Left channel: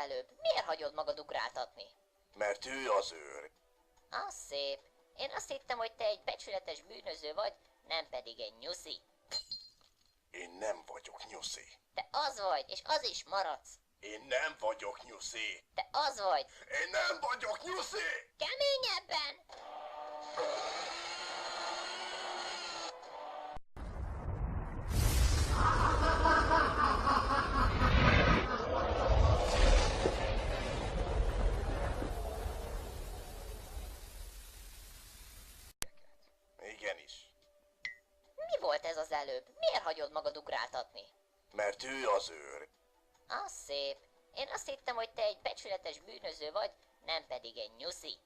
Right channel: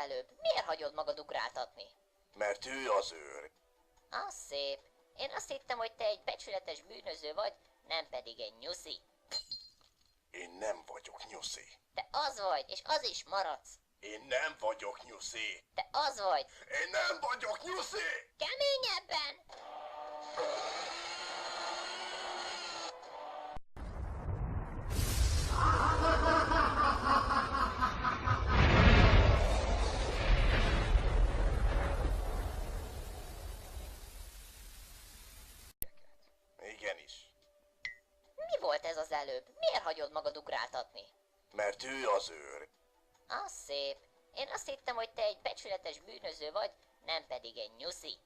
előbb? Miért hagyod magad ugráltatni? Mert ő az őr. Az szép. Én azt hittem, hogy te egy becsületes bűnöző vagy, nem pedig egy nyuszi. Én nem vagyok nyuszi. Te az vagy, és az is maradsz. Én nem vagyok nyuszi. Te az vagy. Én nem vagyok nyuszi! Keményebben! Igenis. Mi volt ez az előbb? Miért hagyod magad ugráltatni? Mert ő az őr. Az szép. Én azt hittem, hogy te egy becsületes bűnöző vagy, nem pedig egy nyuszi.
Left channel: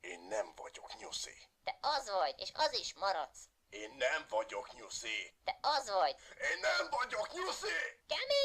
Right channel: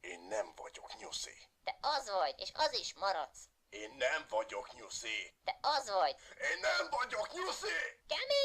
Én nem vagyok nyuszi. Te az vagy, és az is maradsz. Én nem vagyok nyuszi. Te az vagy. Én nem vagyok nyuszi! Kemény!